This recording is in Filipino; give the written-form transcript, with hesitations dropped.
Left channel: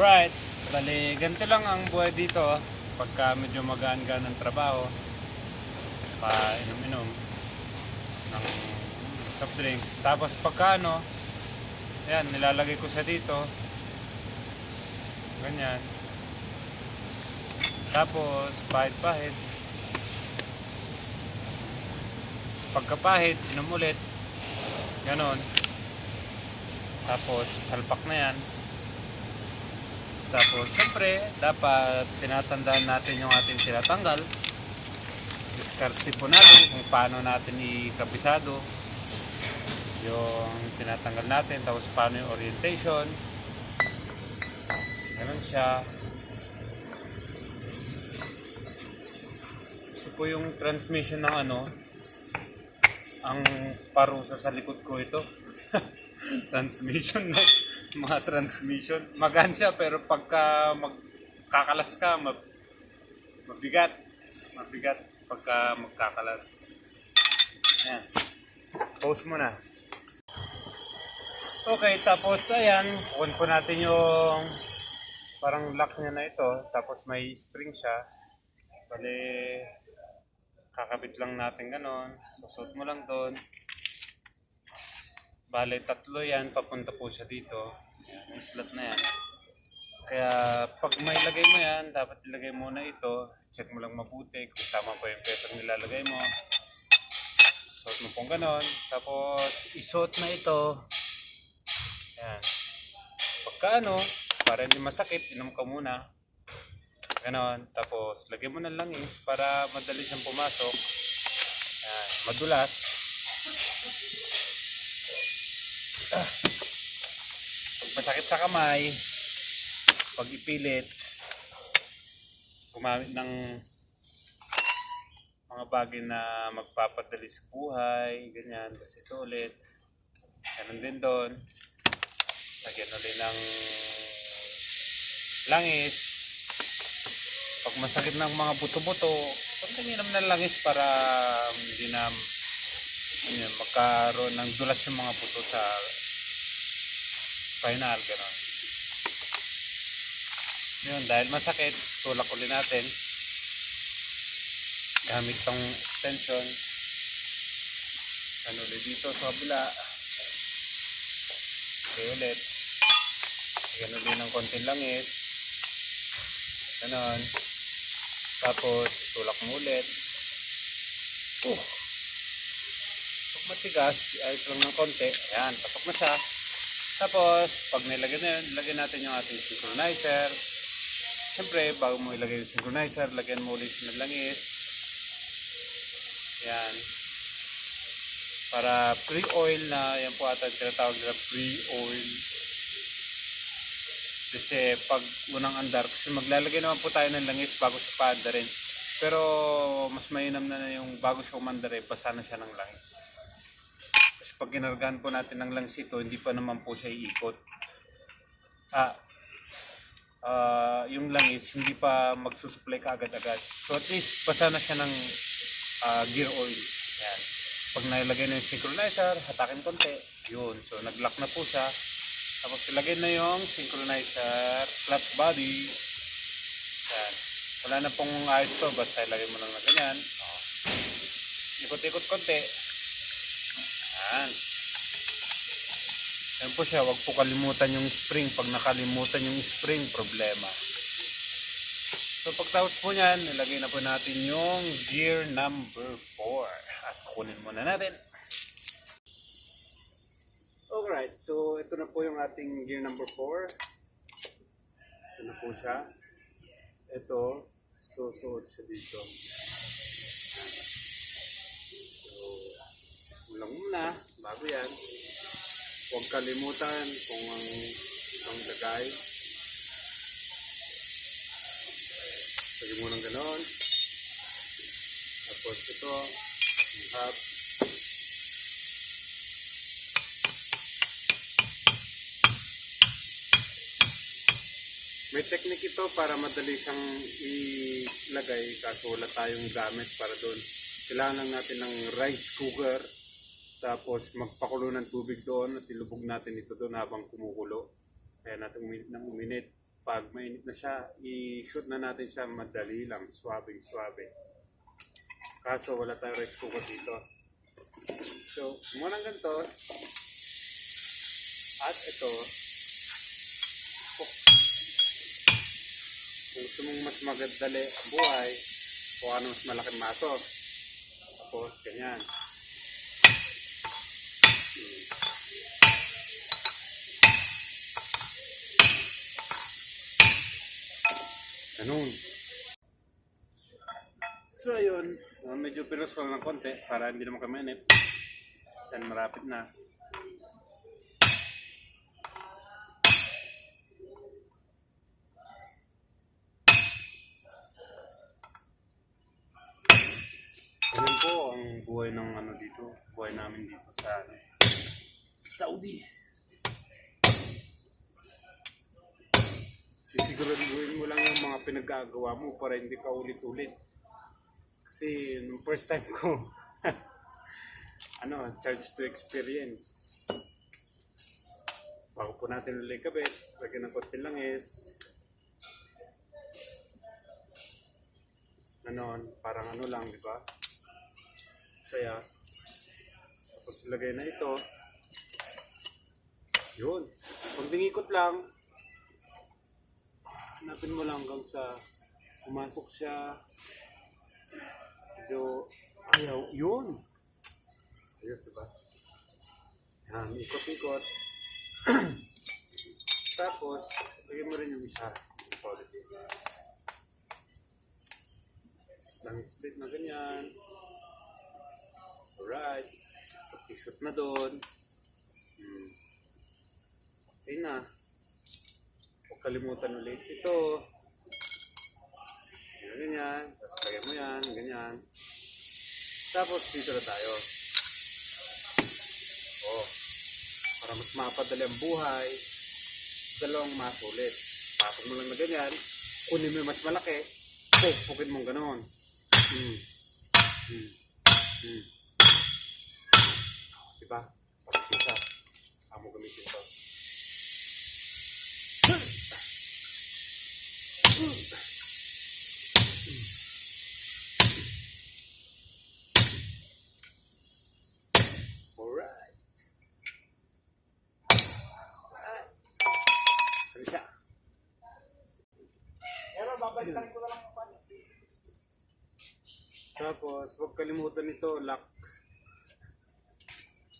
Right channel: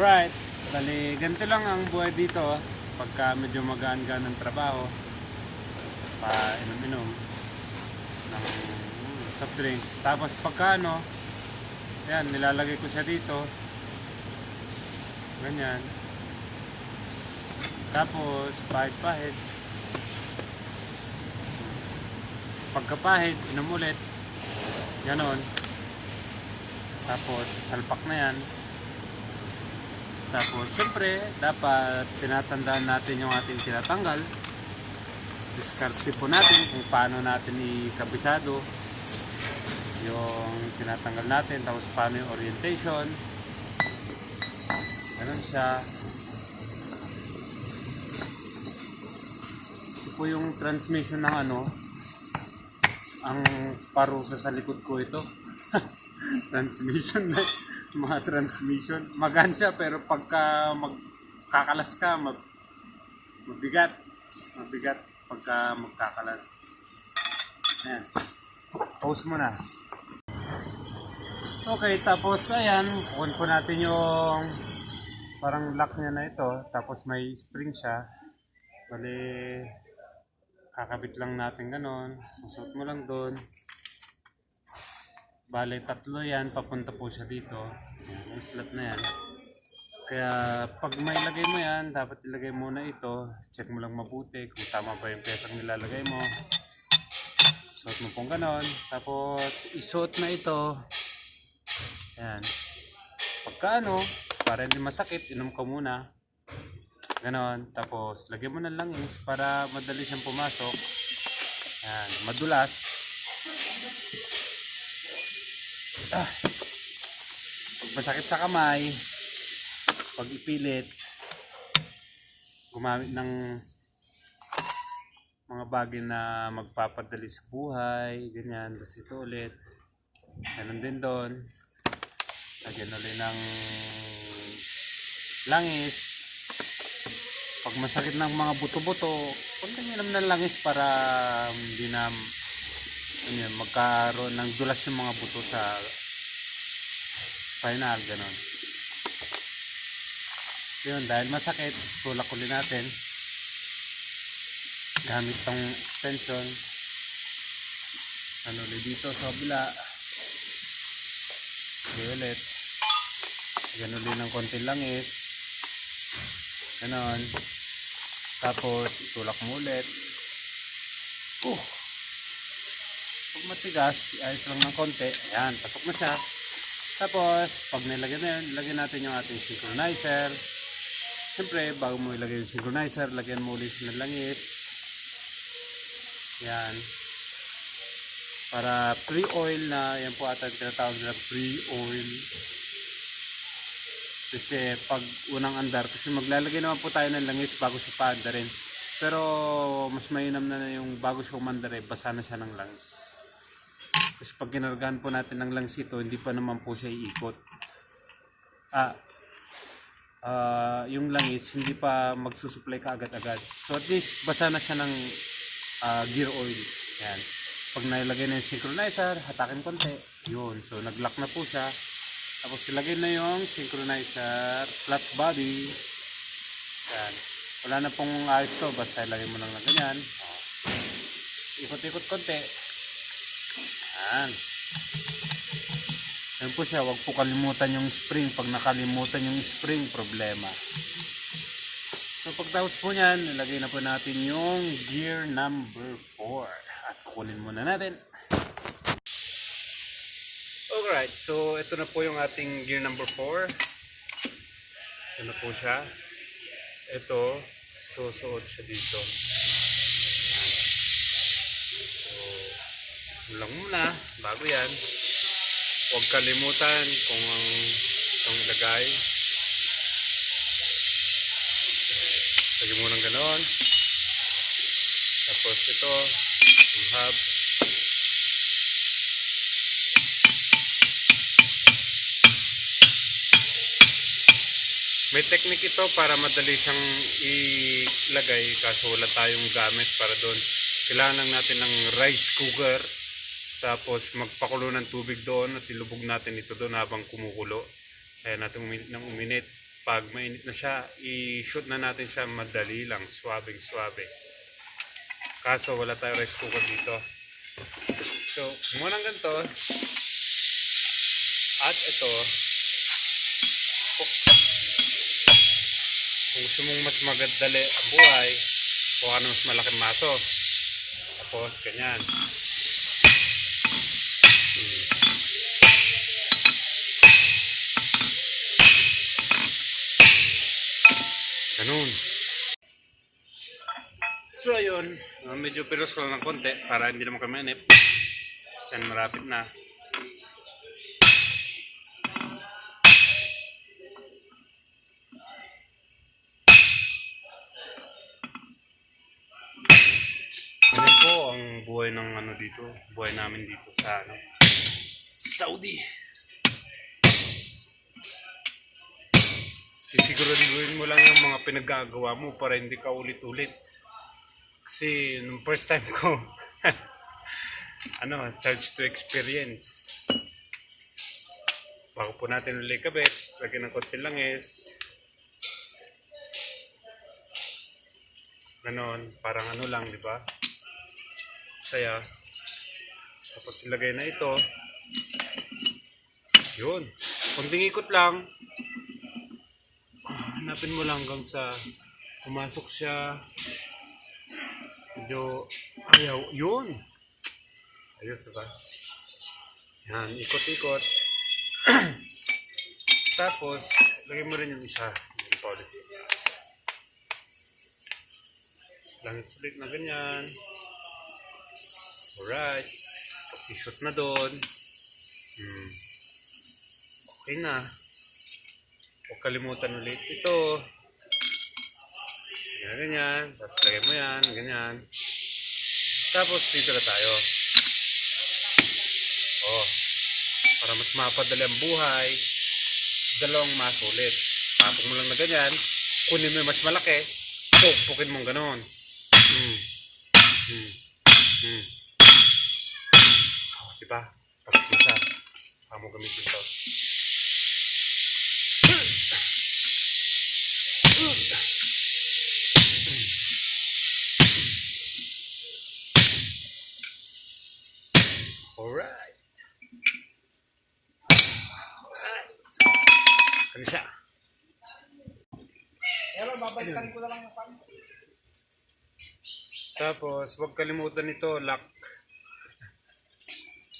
Alright, bali ganito lang ang buhay dito pagka medyo magaan-gaan ng trabaho, pa inom-inom ng soft drinks. Tapos pagka ayan, nilalagay ko siya dito, ganyan. Tapos pahit-pahit, pagkapahit, inom ulit, ganon. Tapos salpak na yan. Tapos siyempre dapat tinatandaan natin yung ating tinatanggal. Diskarte po natin kung paano natin ikabisado yung tinatanggal natin. Tapos paano yung orientation. Ganun siya. Ito po yung transmission ng ang parusa sa likod ko ito. Transmission na mga transmission. Magaan siya pero pagka magkakalas ka, mabigat. Mabigat pagka magkakalas. Ayan. Pause mo na. Okay, tapos ayan, on po natin yung parang lock niya na ito. Tapos may spring siya. Bali, kakabit lang natin ganon. Susot mo lang doon. Bale, tatlo yan. Papunta po siya dito. Ayan, yung slot na yan. Kaya pag may lagay mo yan, dapat ilagay muna ito. Check mo lang mabuti kung tama ba yung pesang nilalagay mo. Suot mo pong ganon. Tapos isuot na ito. Ayan. Pagka para hindi masakit, inom ka muna. Ganon. Tapos lagay mo ng langis para madali siyang pumasok. Ayan. Madulas. Pag masakit sa kamay, pag ipilit, gumamit ng mga bagay na magpapadali sa buhay, ganyan. Tapos ito ulit, ganun din doon. Lagyan ulit ng langis. Pag masakit ng mga buto-buto, pag uminom ng langis para hindi na magkaroon ng dulas yung mga buto sa spinal, ganon. Yun, dahil masakit, tulak ulit natin gamit tong extension. Ulit dito sa kabila. Okay, ulit. Yan ulit ng konting langis. Ganon. Tapos itulak mo ulit. Pag matigas, ayos lang ng konti. Ayan, pasok na siya. Tapos, pag nilagay na yun, ilagay natin yung ating synchronizer. Siyempre, bago mo ilagay yung synchronizer, lagyan mo ulit ng langis. Yan. Para pre-oil na, yan po ata tinatawag nila pre-oil. Kasi pag unang andar, kasi maglalagay naman po tayo ng langis bago sa paandarin. Pero, mas mainam na yung bago sa umandar, basa na siya ng langis. Kasi pag ginargahan po natin ng langis ito, hindi pa naman po siya iikot. Yung langis, hindi pa magsusupply ka agad-agad. So at least, basa na siya ng gear oil. Yan. Pag nailagay na yung synchronizer, hatakin konti. Yun. So nag-lock na po siya. Tapos ilagay na yung synchronizer flat body. Yan. Wala na pong ayos to. Basta ilagay mo lang na ganyan. Ikot-ikot konti. Yan. Yan po siya. Huwag po kalimutan yung spring. Pag nakalimutan yung spring, problema. So pagtapos po niyan, nilagay na po natin yung gear number 4. At kunin muna natin. Alright, so ito na po yung ating gear number 4. Ito na po siya. Ito, susuot siya dito. So, lang muna, bago yan. Huwag kalimutan kung ang ilagay. Lagyan mo ng ganon. Tapos ito, yung hub. May technique ito para madali siyang ilagay kaso wala tayong gamit para doon. Kailangan lang natin ng rice cooker. Tapos magpakulo ng tubig doon at ilubog natin ito doon habang kumukulo. Kaya natin uminit ng uminit. Pag mainit na siya, i-shoot na natin siya madali lang, suwabing-suwabe. Kaso wala tayong rice cooker dito. So, muna ng ganito. At ito, kung gusto mong mas magadali ang buhay, kuha ka ng mas malaking maso. Tapos, ganyan. Ganun. So, ayun. Medyo pilos ko lang ng konti para hindi naman kami inip. Diyan, marapit na. Ganun po ang buhay ng ano dito. Buhay namin dito sa Saudi. Sisiguraduhin mo lang yung mga pinaggagawa mo para hindi ka ulit-ulit. Kasi nung first time ko, charge to experience. Bago po natin ulit kabit, lagyan ng konti langis. Ganon, parang lang, di ba? Saya. Tapos ilagay na ito. Yun. Konting ikot lang. Hanapin mo lang hanggang sa pumasok siya. Medyo ayaw. Yun. Ayos, diba? Yan, ikot-ikot. Tapos, lagay mo rin yung isa. Yung powdered sibuyas. Langis ulit na ganyan. Alright. Tapos i-shoot na doon. Okay na. Huwag kalimutan ulit ito. Ganyan. Tapos lagay mo yan. Ganyan. Tapos dito na tayo. Para mas mapadali ang buhay, dalawang maso ulit. Papok mo lang na ganyan. Kunin mo yung mas malaki. Pukpukin mong ganon. Diba? Pasok mo siya. Saka mo gamitin ito. Alright. Ano siya? Pero babalikan ko na lang yung pan. Tapos, huwag kalimutan ito, lock.